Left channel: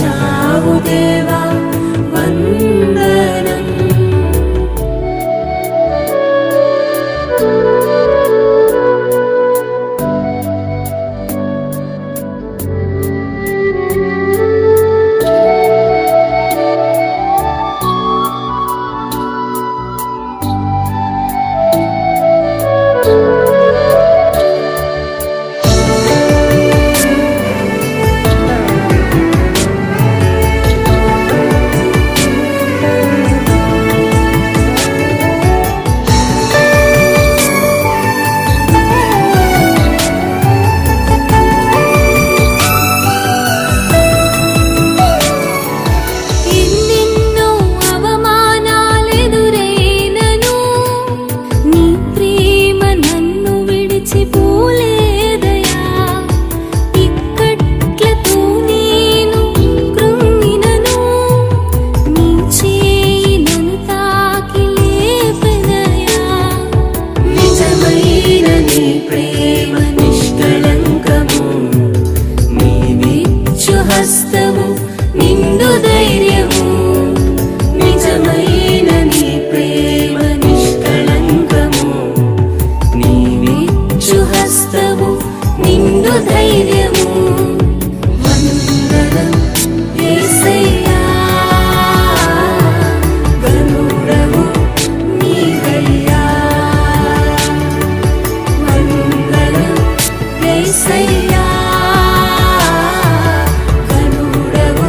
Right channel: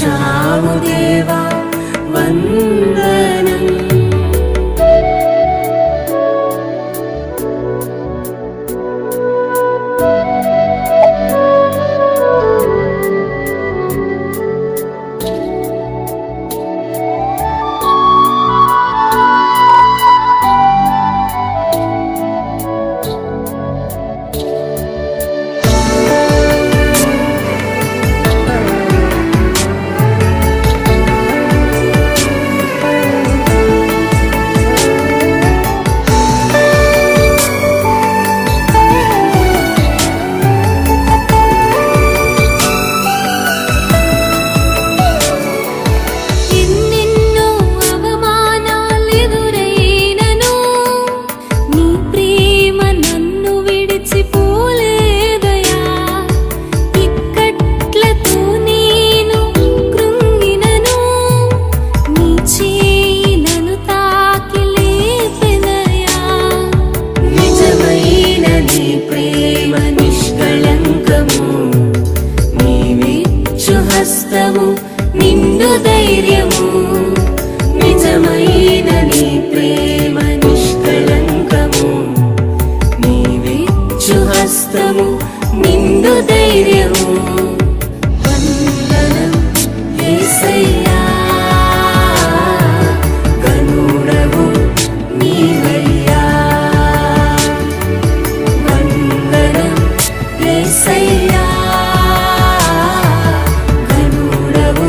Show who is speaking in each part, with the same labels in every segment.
Speaker 1: Trời! హస్తము నిన్ను ధైర్యము. వందనం ఏసయ్యా గనుడవు నీవయ్యా. వందనం ఏసయ్యా గనుడవు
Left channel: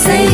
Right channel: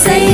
Speaker 1: say